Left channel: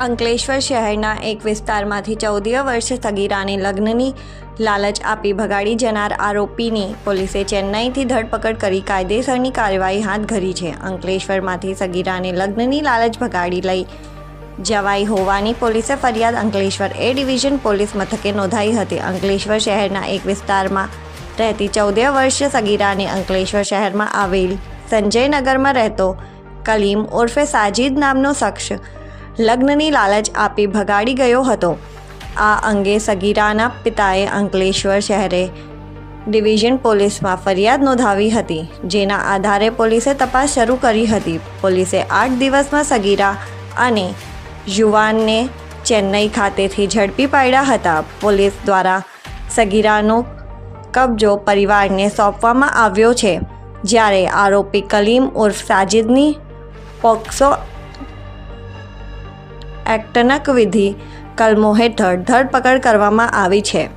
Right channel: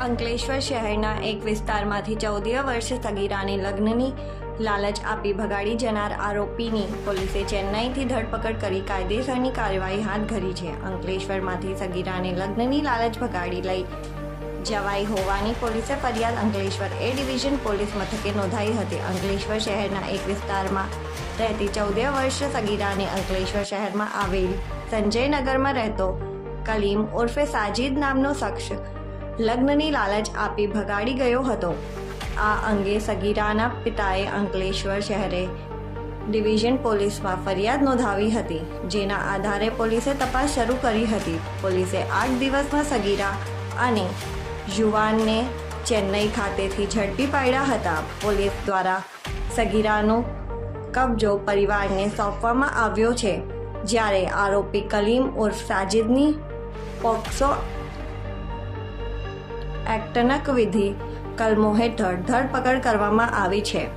અંકલેશ્વર શહેરના એક વિસ્તારમાંથી ચૌદીય વર્ષ સગીરાને લગ્નની લાલચ આપી ભગાડી જનાર આરોપીની પોલીસે ચેન્નાઈથી ધરપકડ કરી કાયદેસરની કાર્યવાહી હાથ ધરી છે. અંકલેશ્વરમાંથી સગીરાને લગ્નની લાલચ ભગાડી લઈ જવાઈ હોવાની પોલીસે ફરિયાદ અંકલેશ્વર એ ડિવિઝન પોલીસ મથકે નોંધાઈ હતી. અંકલેશ્વર શહેરના એક વિસ્તારમાં રહેતી ચૌદે વર્ષીય સગીરાને અંકલેશ્વર શહેરમાં આવેલ સંજયનગરમાં રહેતો કલીમ ઉર્ફે સાજિદ નામનો શખ્સ લગ્નની લાલચ આપી ભગાડી ગયો હતો. આ અંગે સગીરાના પિતાએ અંકલેશ્વર શહેરે ડિવિઝન પોલીસમાં ફરિયાદ નોંધાવી હતી, જેના આધારે પોલીસે તપાસ શરૂ કરી હતી. પોલીસે આઠ દિવસમાં સગીરા અને યુવાનને ચેન્નઈ ખાતેથી ઝડપી પાડ્યા હતા. પોલીસ દ્વારા સગીરાનો કબજો પરિવારને સોંપવામાં આવ્યો છે, જ્યારે આરોપી કલીમ ઉર્ફ સાજિદની પોક્સો એક્ટનક વિધિ કલમો હેઠળ ધરપકડ કરવામાં આવી છે.